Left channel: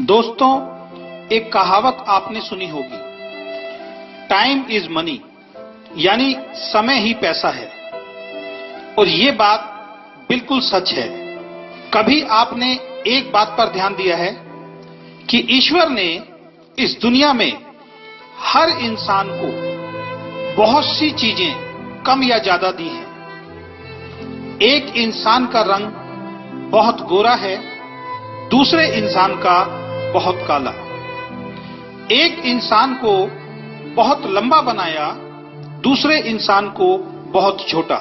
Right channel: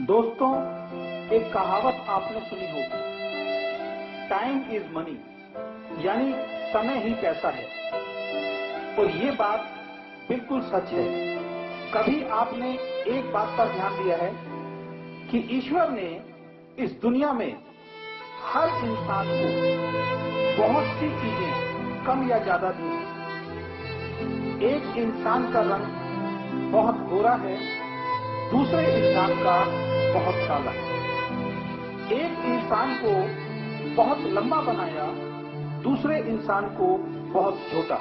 दोस्तों, एक कहावत आपने सुनी होगी, टाइम इज मनी, यानी समय ही पैसा है। और ये बात बिल्कुल सच है। कभी आपने एक बात पर ध्यान दिया है कि ईश्वर ने इस दुनिया में हर इंसान को बहुत सी चीजें कम या ज्यादा दी हैं। एक इंसान का रंग बहुत गोरा है, दूसरे इंसान का बहुत काला। एक इंसान को बहुत लंबा बनाया, दूसरे इंसान को बहुत छोटा।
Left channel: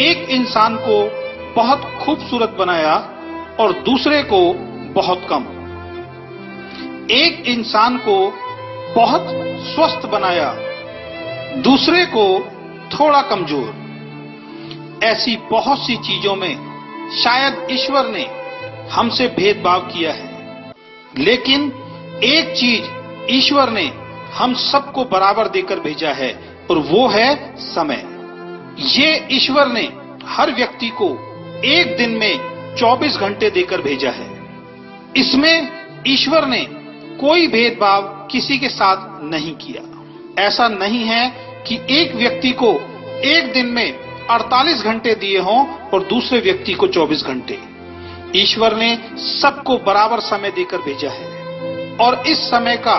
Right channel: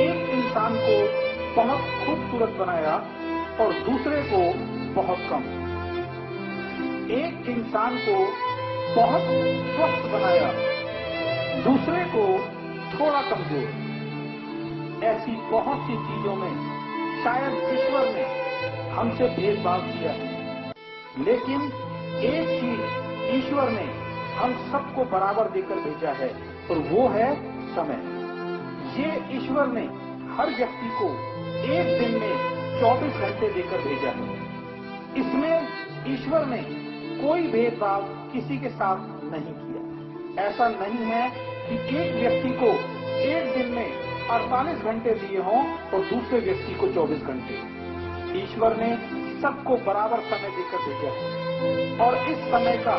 एक इंसान को बहुत खूबसूरत बनाया और दूसरे को बहुत कम। एक इंसान को बहुत स्वस्थ बनाया, दूसरे को थोड़ा कमजोर। ऐसी बहुत सी चीजों में शायद ईश्वर ने हमसे भेदभाव किया है, लेकिन एक चीज ईश्वर ने हम सबको बराबर देकर भेजा है और वो है समय। ये ईश्वर ने हर व्यक्ति को एक दिन में 24 घंटे देकर भेजा है। इसमें ईश्वर ने कोई भेदभाव किसी के साथ नहीं किया। ऐसा नहीं है कि एक व्यक्ति को एक दिन में 48 घंटे दिए हों और दूसरे व्यक्ति को 24 घंटे। ईश्वर ने सबको बराबर समय देकर भेजा है और इस समय का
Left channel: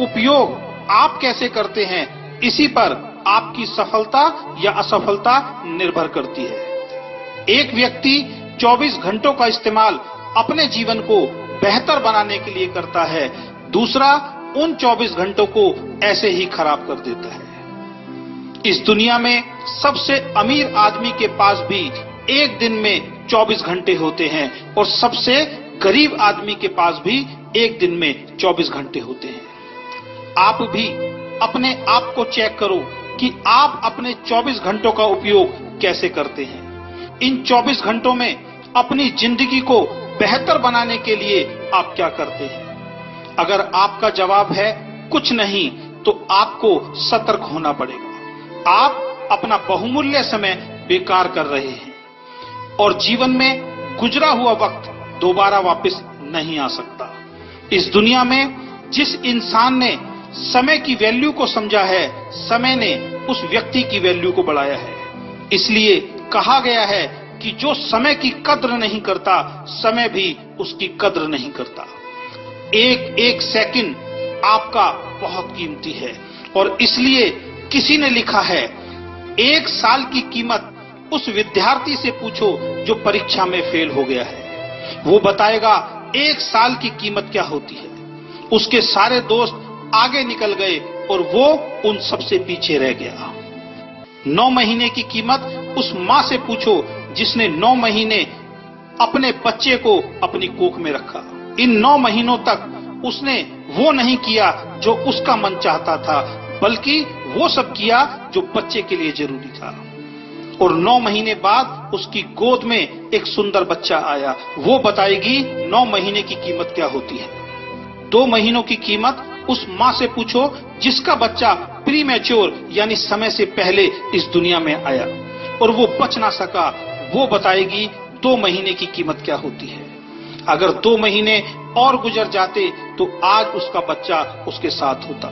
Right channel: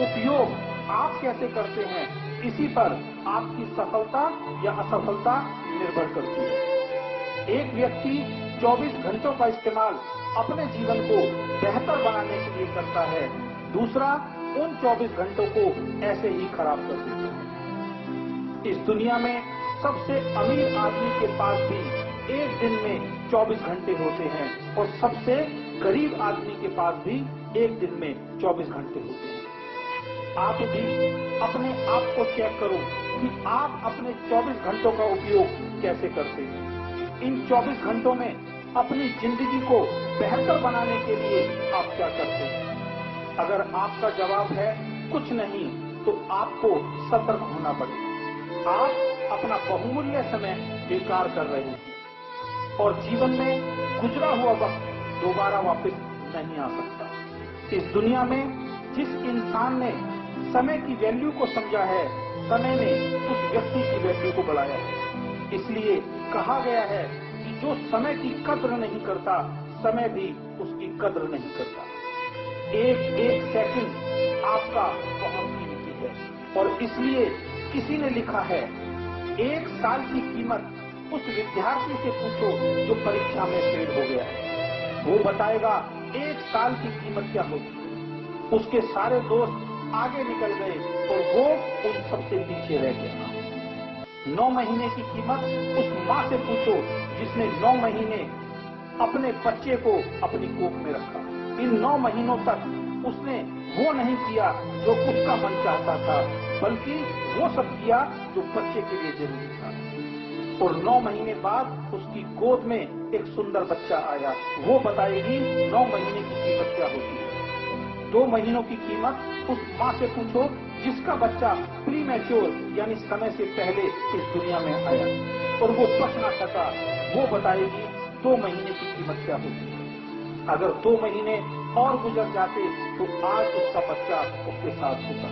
उपयोग आप कैसे करते हैं, इसी पर आपकी सफलता या असफलता निर्भर करती है। एक व्यक्ति 24 घंटों का इस्तेमाल अपने जीवन को बेहतर बनाने के लिए करता है, दूसरा उन 24 घंटों को ऐसे ही खराब कर देता है। इस दुनिया में सबसे अमीर आदमी के पास भी एक दिन में 24 घंटे होते हैं और सबसे गरीब आदमी के पास भी एक दिन में 24 घंटे होते हैं। आप भी अपने आप को चेक करो कि आप अपने 24 घंटों का उपयोग कैसे करते हैं। इन 24 घंटों में अपनी जिंदगी को बेहतर बनाने के लिए आप क्या करते हैं? अगर आपका जवाब है कुछ नहीं, तो आपको सतर्क होना पड़ेगा। आप अपना बहुमूल्य समय बेकार कर रहे हैं और जीवन में गुजरा हुआ वक्त दोबारा वापस नहीं आ सकता। इस दुनिया में जिस इंसान ने समय की वैल्यू को समझा है, समय ने उस व्यक्ति की वैल्यू को बढ़ाया है। इसलिए कहा गया है कि जो समय की कद्र नहीं करता, समय भी उसकी कद्र नहीं करता। एक एक सेकंड आपका बहुत कीमती है और इसलिए किसी ने लिखा है, एक साल की कीमत उस विद्यार्थी से पूछो जो परीक्षा में फेल हो गया है। वो बताएगा एक साल की कीमत क्या होती है। उसके सारे दोस्त आगे निकल गए और वो उन सबसे पीछे रह गया। 9 महीने की कीमत उस माँ से पूछो जिसने 9 महीने अपने बच्चे को अपनी कोख में रखा। इन 9 महीनों तक उसने वो नहीं किया जो उसका मन चाहता था, बल्कि वो सब किया जो बच्चे के लिए जरूरी था। और 9 महीने बाद उसकी गोद में एक सुंदर बच्चा आया। वो बताएगी 9 महीने की कीमत क्या होती है। 2 महीनों की कीमत उस माँ से पूछो जिसका बच्चा प्रीमैच्योर यानी समय से पहले इस दुनिया में आया और वो बच ना सका। वो बताएगी 2 महीने की कीमत क्या होती है। अगर 2 महीने और गुजर जाते तो आज उसका बच्चा उसके साथ होता।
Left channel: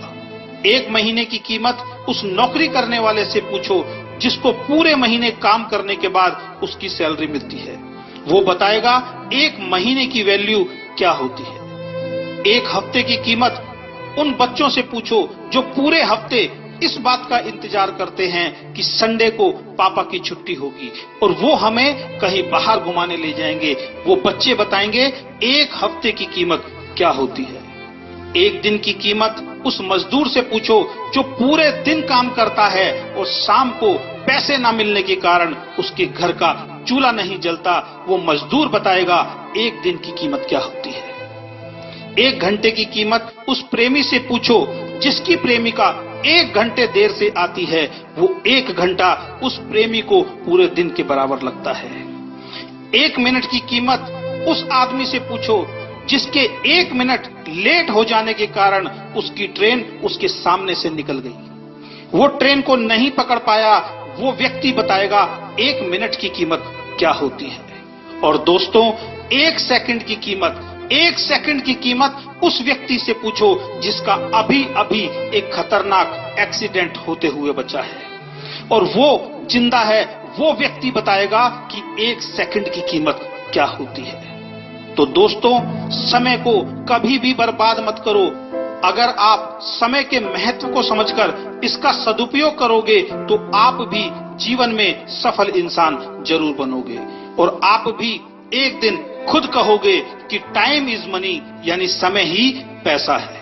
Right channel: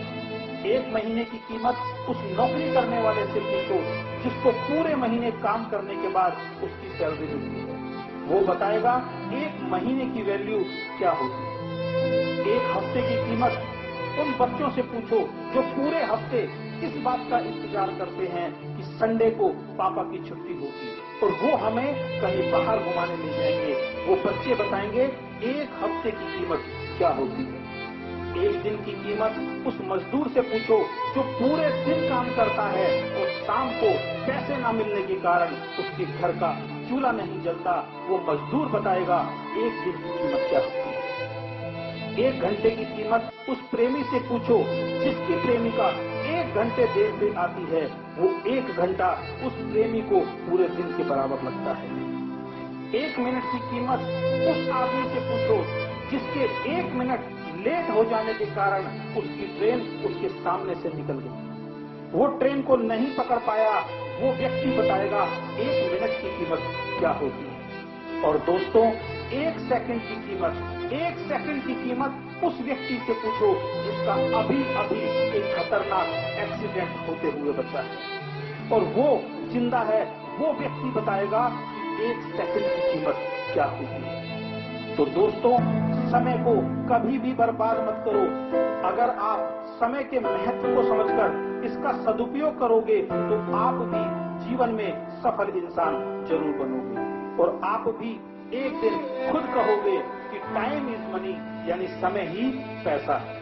1 महीने की कीमत उस नौकरी करने वाले से पूछो जिसको पूरे महीने काम करने के बाद उसकी सैलरी मिलती है। वो बताएगा 1 महीने की वैल्यू क्या होती है। 1 हफ्ते की कीमत उन बच्चों से पूछो जो पूरे हफ्ते इस बात का इंतजार करते हैं कि संडे को पापा की छुट्टी होगी और वो हमें कहीं बाहर घुमाने ले जाएंगे। वो बच्चे बताएंगे 1 हफ्ते की कीमत क्या होती है। 1 दिन की कीमत उस मजदूर से पूछो जो पूरे दिन काम करता है और शाम को पैसे ना मिलने के कारण उसके घर का चूल्हा नहीं जलता। वो मजदूर बताएगा 1 दिन की कीमत क्या होती है। 1 घंटे की कीमत उस प्रेमी से पूछो जिसकी प्रेमिका 1 घंटे देर से आती है। वो 1 घंटा उस प्रेमी को पूरे दिन के बराबर लगता है। 1 मिनट की कीमत उस आदमी से पूछो जिसके 1 मिनट लेट हो जाने के कारण उसकी ट्रेन उसके सामने से निकल गई। वो ट्रेन को नहीं पकड़ पाया। वो व्यक्ति बताएगा 1 मिनट की कीमत क्या होती है। और दोस्तों, 1 सेकंड की कीमत 1 सेकंड की कीमत उस व्यक्ति से पूछो जिसका अभी अभी एक खतरनाक एक्सीडेंट होते हुए बचा है, और वो जिंदा है। वो व्यक्ति बताएगा कि 1 सेकंड की कीमत क्या होती है। तो दोस्तों, समय को कभी भी बर्बाद मत करो। अगर आप समय के महत्व को समझकर इसका सदुपयोग करोगे तो आप भी जीवन में सफल इंसान जरूर बनोगे, और आप भी एक दिन खुद कहोगे कि टाइम इज मनी, यानी समय ही पैसा है।